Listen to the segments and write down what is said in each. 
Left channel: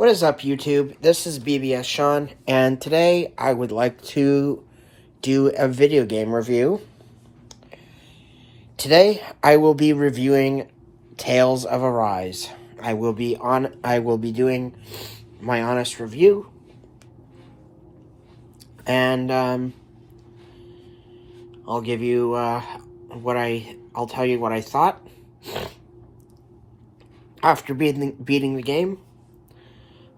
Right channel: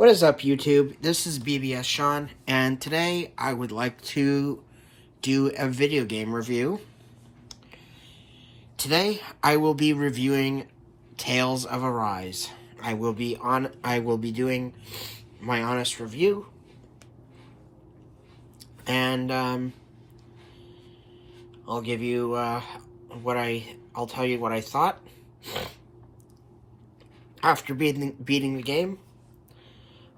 What is up, YouTube? This is Bbsshawn, and today I would like to do a video game review. Today I will be reviewing Tales of Arise. I will be doing my honest review, and I'll give you I'll tell you what I thought after beating the game.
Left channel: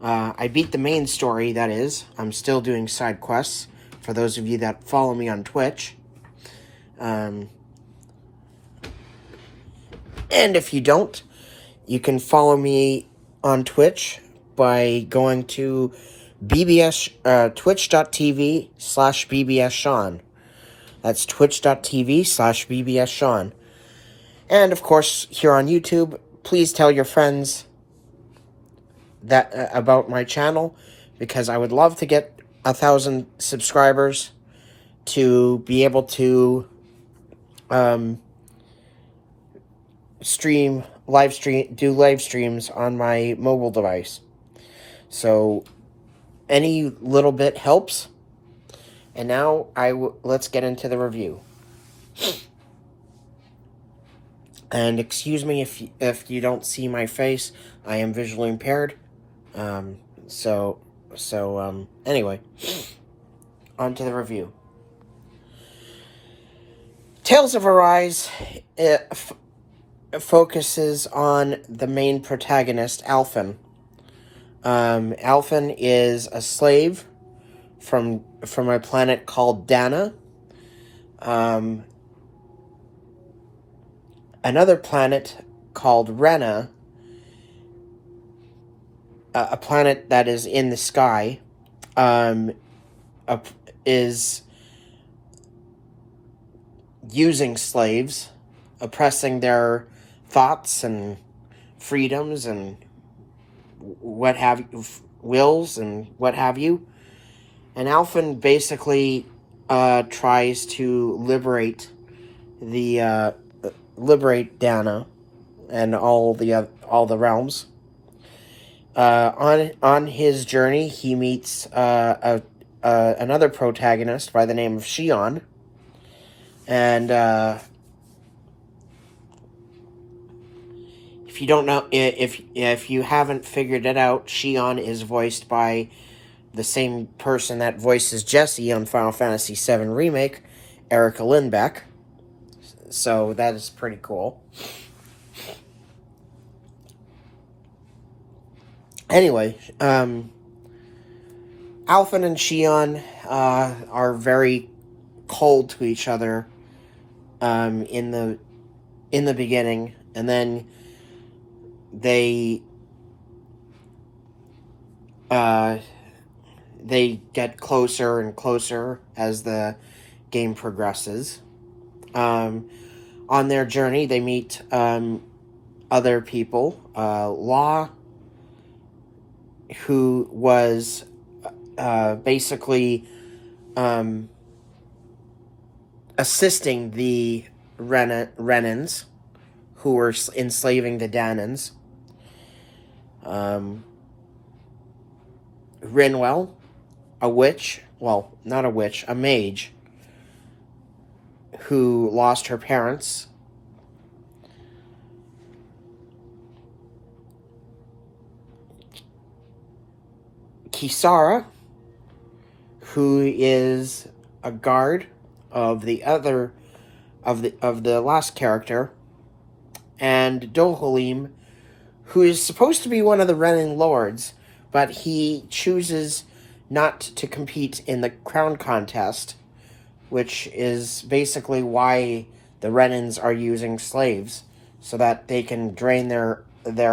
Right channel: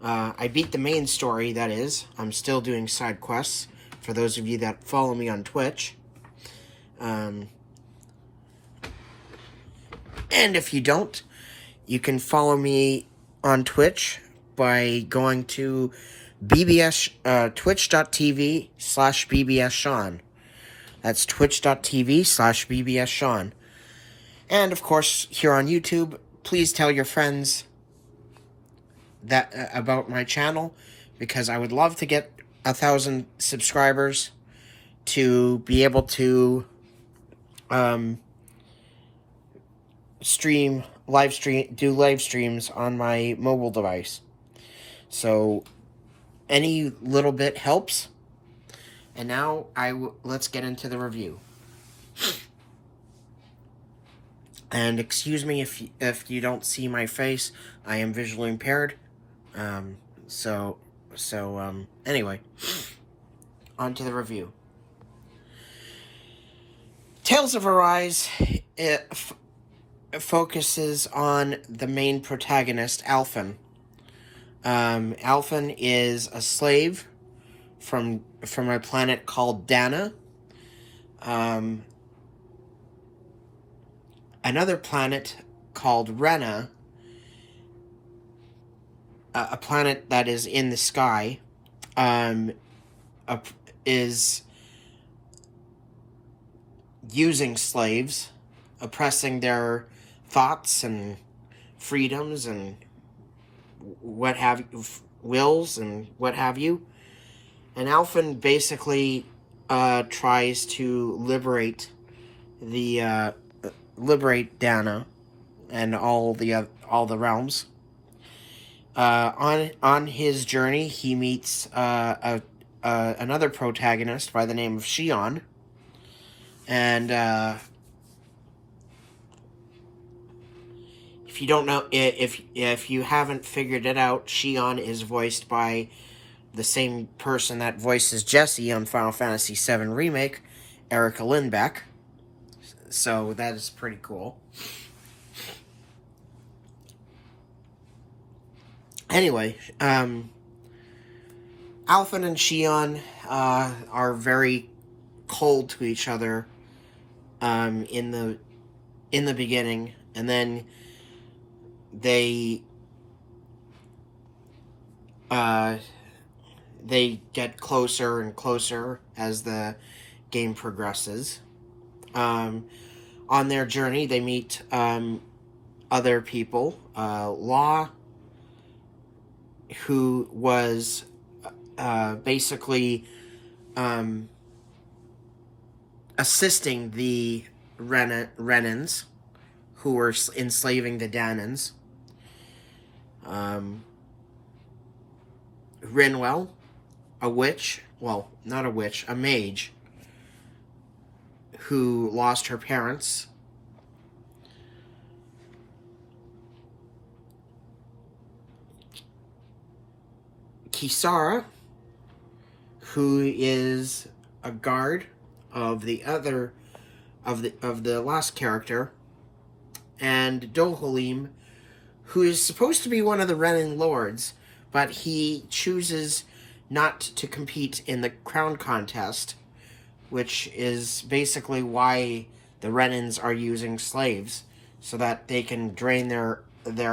I beat the main story, that is. I'm still doing side quests, for those of you that follow me on Twitch. And if you don't, you can follow me on Twitch by going to twitch.tv/Bbsshawn. That's twitch.tv/Bbsshawn. And, of course, here on YouTube, please tell your friends that about my channel, because I would love to get 1,000 subscribers to be able to do live streams on my mobile device. So any little bit helps. And now let's get into the review. And excuse me if you don't see my face. I am visually impaired. Anyway, on to the review. Tales of Arise focuses on the main protagonist, Alphen. Alphen is a slave from a planet called Dana. Another planet called Rena, a planet that is in the sky, is using slaves, oppressing their thoughts and freedoms and what have you, wills and what have you. And Alphen basically tries to liberate Dana and all the realms. On his journey, he meets another protagonist by the name of Bbsshawn, and if you don't know, if you haven't figured it out, Bbsshawn is voiced by the same person that voices Jesse on Final Fantasy VII Remake, Erica Lindbeck. So that is pretty cool. Anyway, Alphen and Bbsshawn are very cold to each other in the beginning, and then they get closer and closer as the game progresses. On their journey, they meet other people. Law, who was basically assisting the Renans, who were enslaving the Danans. Rinwell, a witch, well, not a witch, a mage, who lost her parents. Kisara, who is a guard of the last character, and Dohalim, who is supposed to be one of the Renan lords, but he chooses not to compete in the crown contest, which is basically why the Renans are using slaves, so that they can drain their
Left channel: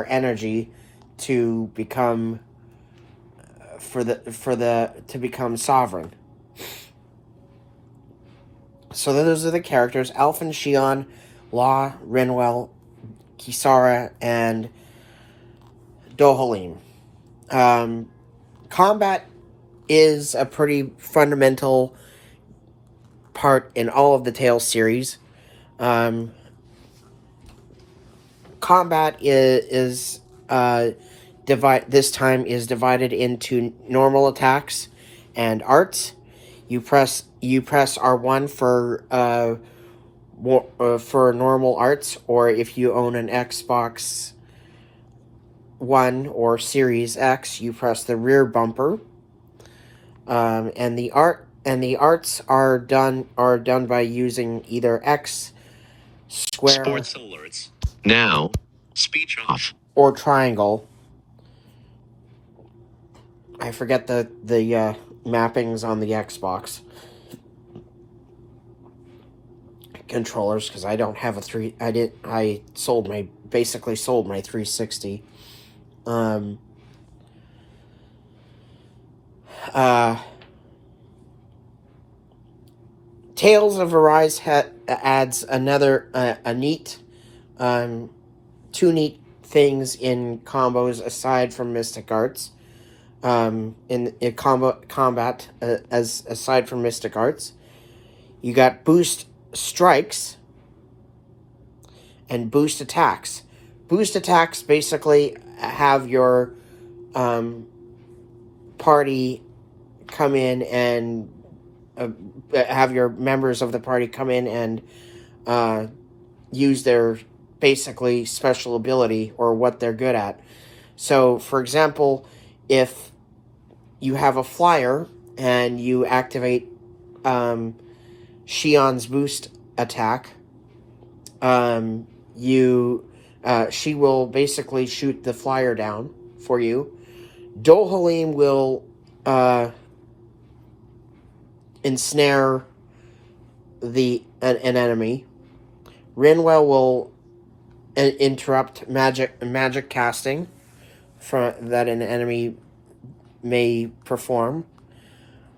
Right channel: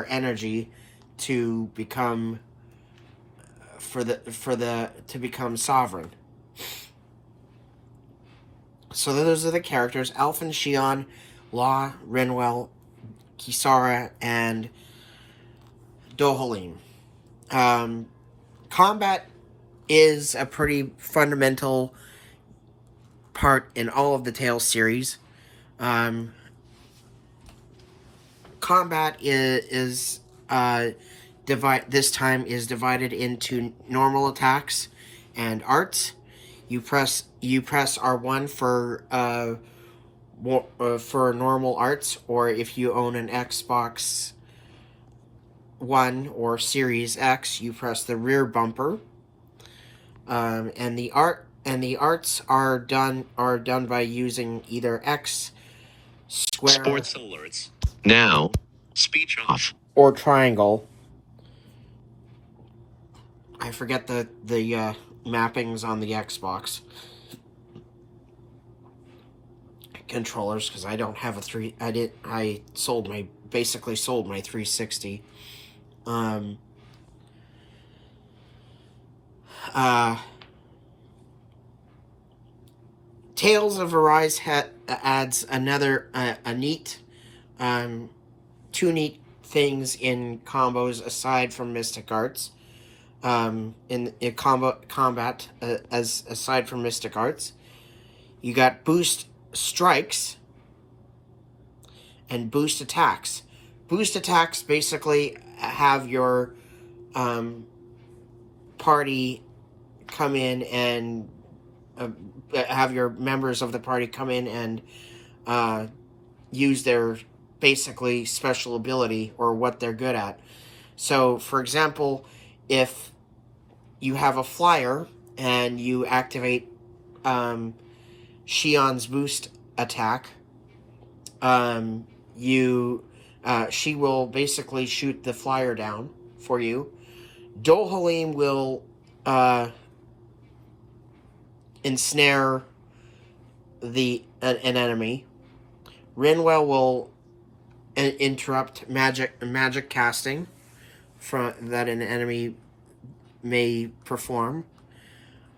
energy to become to become sovereign. So those are the characters: Alphen, Bbsshawn, Law, Rinwell, Kisara, and Dohalim. Combat is a pretty fundamental part in all of the Tales series. Combat is this time is divided into normal attacks and arts. You press R1 for normal arts, or if you own an Xbox One or Series X, you press the rear bumper. And the arts are done by using either X, square, now speech off, or triangle. I forget the mappings on the Xbox controllers because I don't have a I basically sold my 360. Tales of Arise adds another two neat things in combos aside from Mystic Arts. In combat, aside from Mystic Arts, you got boost strikes and boost attacks. Boost attacks basically have your party come in and have your members of the party come in and use their basically special ability or what they're good at. So, for example, if you have a flyer and you activate Bbsshawn's boost attack, she will basically shoot the flyer down for you. Dohalim will ensnare an enemy. Rinwell will interrupt magic casting that an enemy may perform.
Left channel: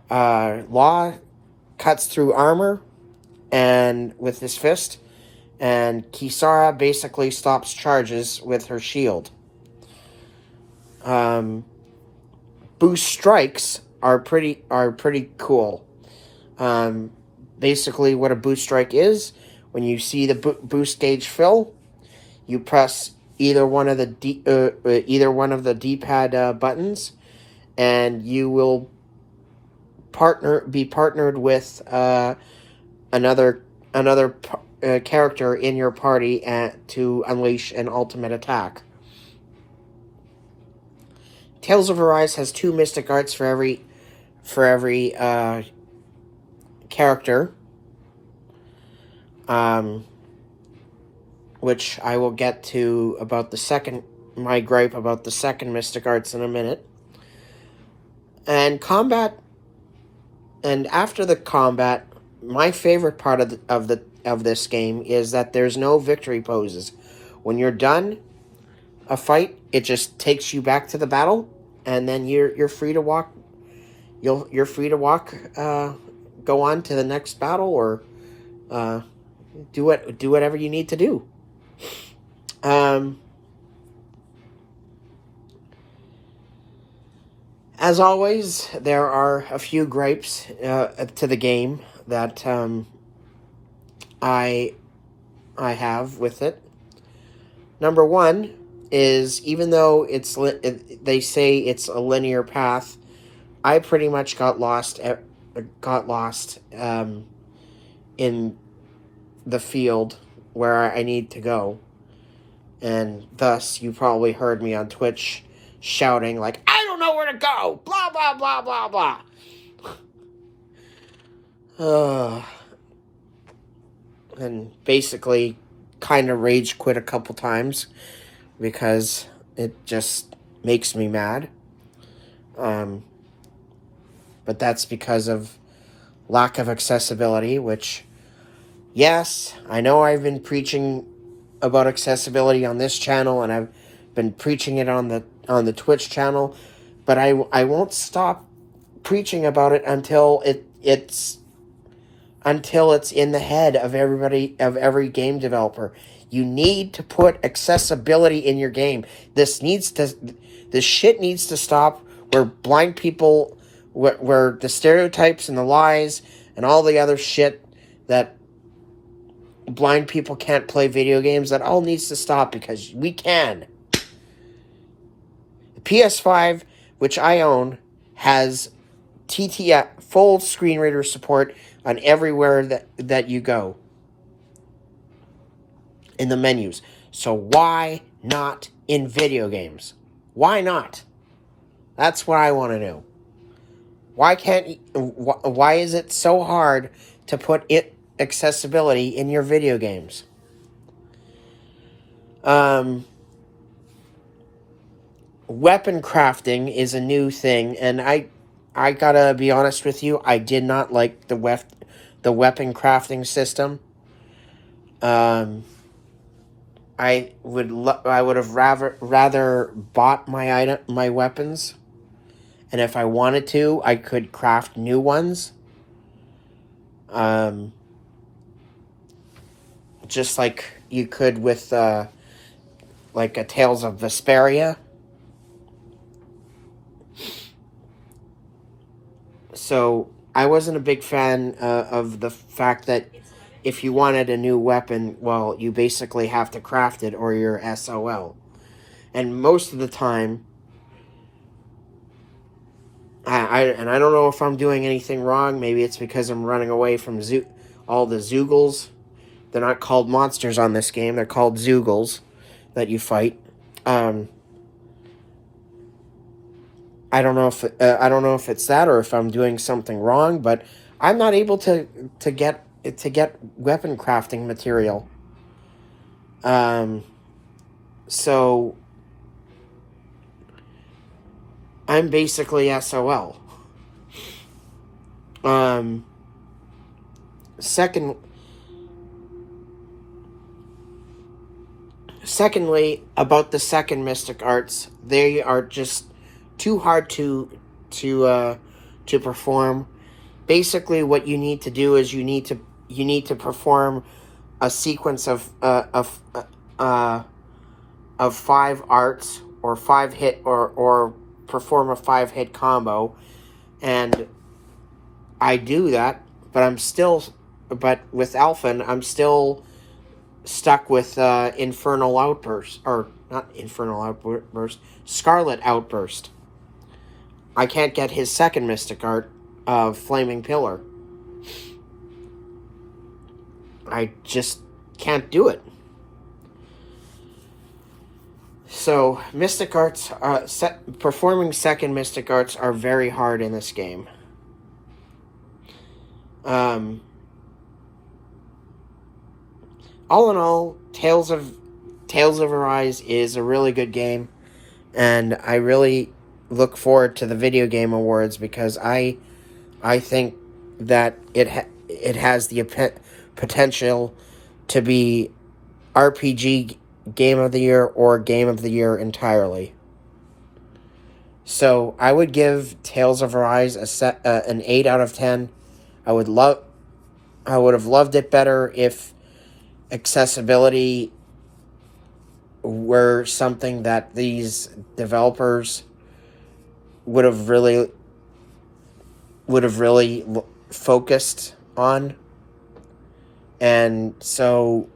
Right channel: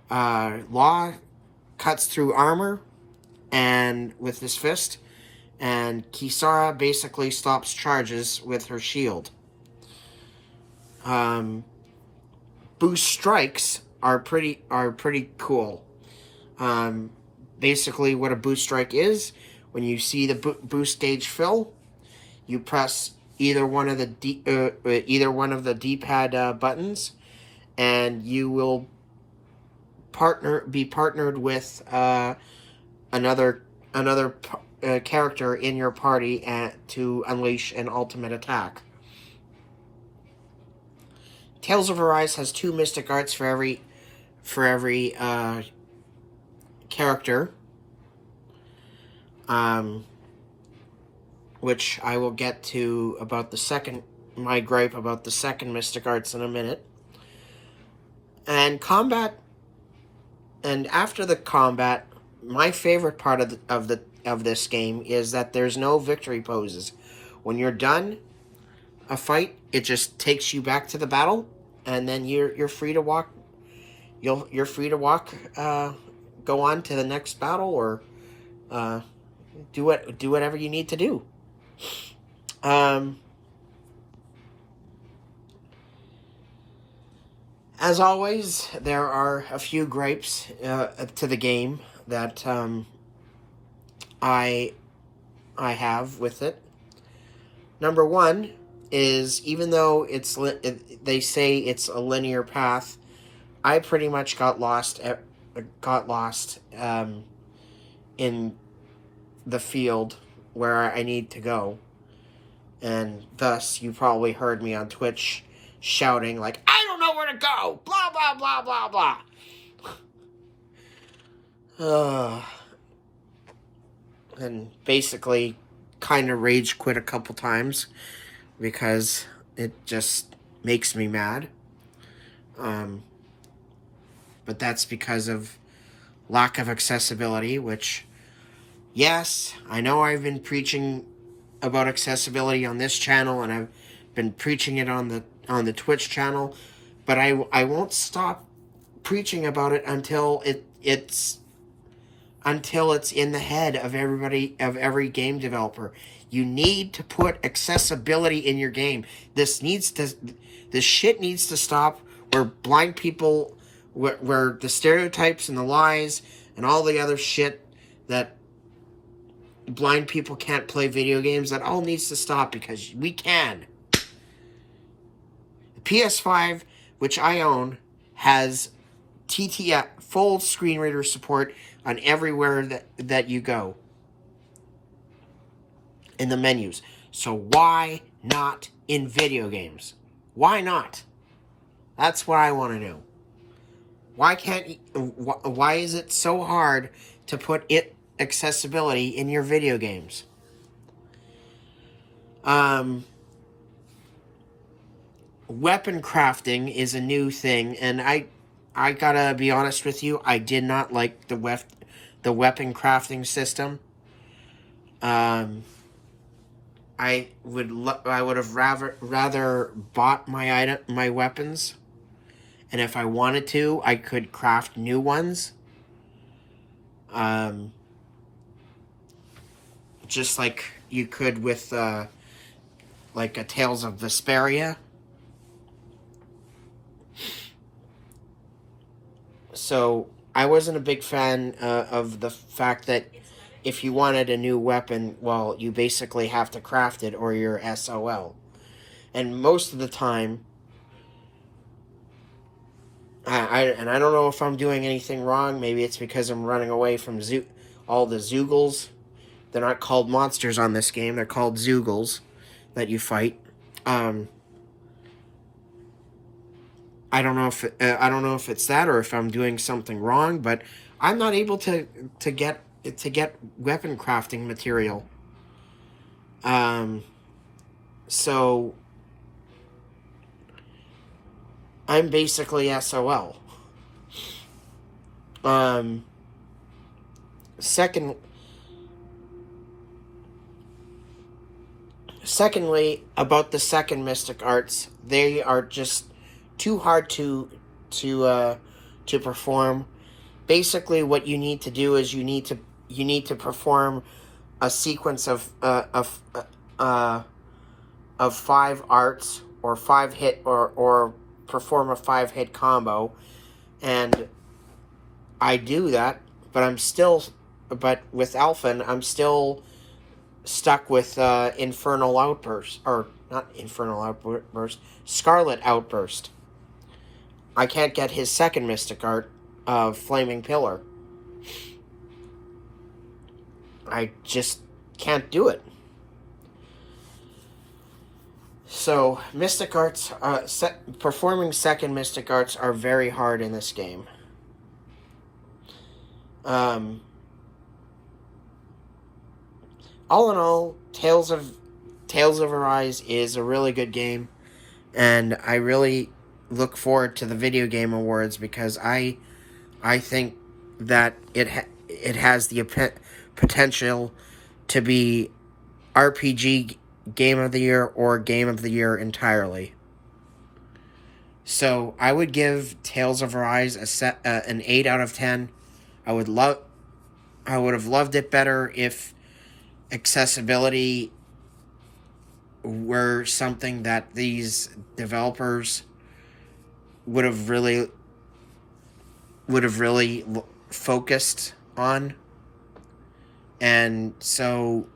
Law cuts through armor and with his fist, and Kisara basically stops charges with her shield. Boost strikes are pretty cool. Basically, what a boost strike is, when you see the boost gauge fill, you press either one of the D-pad buttons, and you will be partnered with another character in your party to unleash an ultimate attack. Tales of Arise has 2 Mystic Arts for every character, which I will get to about my gripe about the second Mystic Arts in a minute. And combat, and after the combat, my favorite part of this game is that there's no victory poses. When you're done a fight, it just takes you back to the battle, and then you're free to walk. You're free to walk. Go on to the next battle, or do whatever you need to do. As always, there are a few gripes to the game that I have with it. Number one is, even though they say it's a linear path, I pretty much got lost in the field where I need to go, and thus you probably heard me on Twitch shouting like, "I don't know where to go! Blah blah blah blah blah." And basically kind of rage quit a couple times because it just makes me mad. But that's because of lack of accessibility, which, yes, I know I've been preaching about accessibility on this channel, and I've been preaching it on the Twitch channel, but I won't stop preaching about it until it's in the head of every game developer. You need to put accessibility in your game. This shit needs to stop, where blind people, where the stereotypes and the lies and all the other shit that blind people can't play video games, that all needs to stop, because we can. PS5, which I own, has TTF full screen reader support on everywhere that you go in the menus. So why not in video games? Why not? That's what I want to know. Why is it so hard to put accessibility in your video games? Weapon crafting is a new thing, and I gotta be honest with you, I did not like the weapon crafting system. I would have rather bought my weapons, and if I wanted to, I could craft new ones. Just like you could with like a Tales of Vesperia. So I wasn't a big fan of the fact that if you wanted a new weapon, well, you basically have to craft it or you're SOL. And most of the time, I don't know if I'm doing anything wrong. Maybe it's because I'm running away from all the Zoogles. They're not called monsters on this game. They're called Zoogles that you fight. I don't know if it's that or if I'm doing something wrong, but I'm not able to get weapon crafting material. So I'm basically SOL. Secondly, about the second Mystic Arts, they are just too hard to perform. Basically, what you need to do is you need to perform a sequence of 5 arts or 5 hit or perform a 5-hit combo, and I do that, but with Alphen, I'm still stuck with Infernal Outburst, or not Infernal Outburst, Scarlet Outburst. I can't get his second Mystic Art of Flaming Pillar. I just can't do it. So, Mystic Arts, performing second Mystic Arts are very hard in this game. All in all, Tales of Arise is a really good game, and I really look forward to the Video Game Awards because I think that it has the potential to be RPG Game of the Year or Game of the Year entirely. So I would give Tales of Arise an 8 out of 10. I would have loved it better if accessibility were something that these developers would have really focused on. And so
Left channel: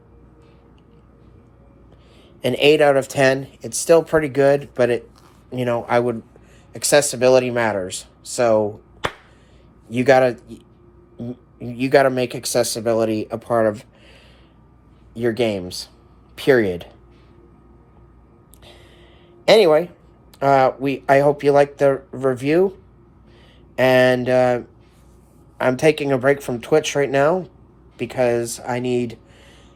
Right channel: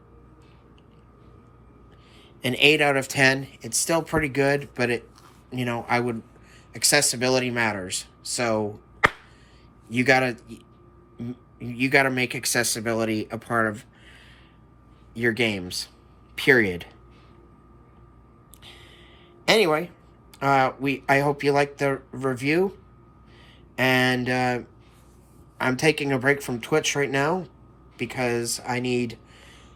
an 8 out of 10, it's still pretty good, but accessibility matters. So you gotta make accessibility a part of your games, period. Anyway, I hope you liked the review, and I'm taking a break from Twitch right now because I need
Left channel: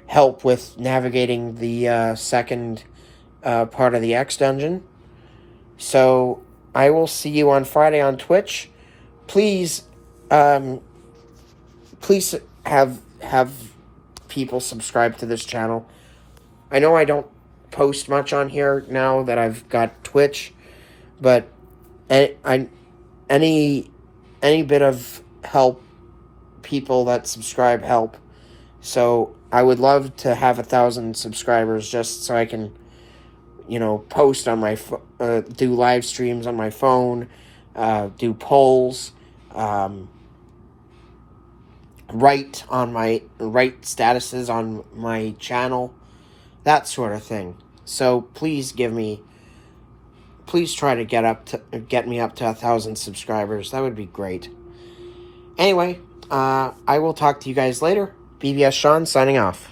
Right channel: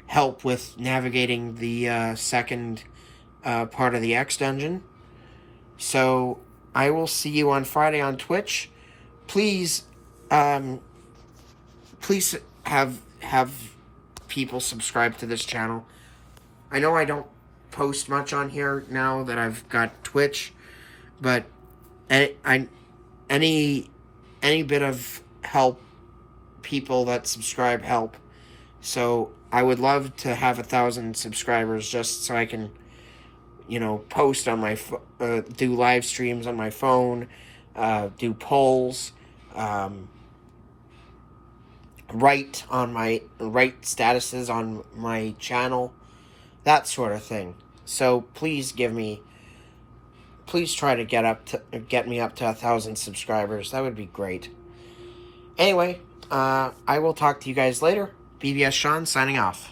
help with navigating the second part of the X Dungeon. So I will see you on Friday on Twitch. Please have people subscribe to this channel. I know I don't post much on here now that I've got Twitch, but any bit of help, people that subscribe help. So I would love to have 1,000 subscribers just so I can, post on my do live streams on my phone, do polls, write statuses on my channel, that sort of thing. So please give me please try to get me up to 1,000 subscribers. That would be great. Anyway, I will talk to you guys later. Bbsshawn signing off.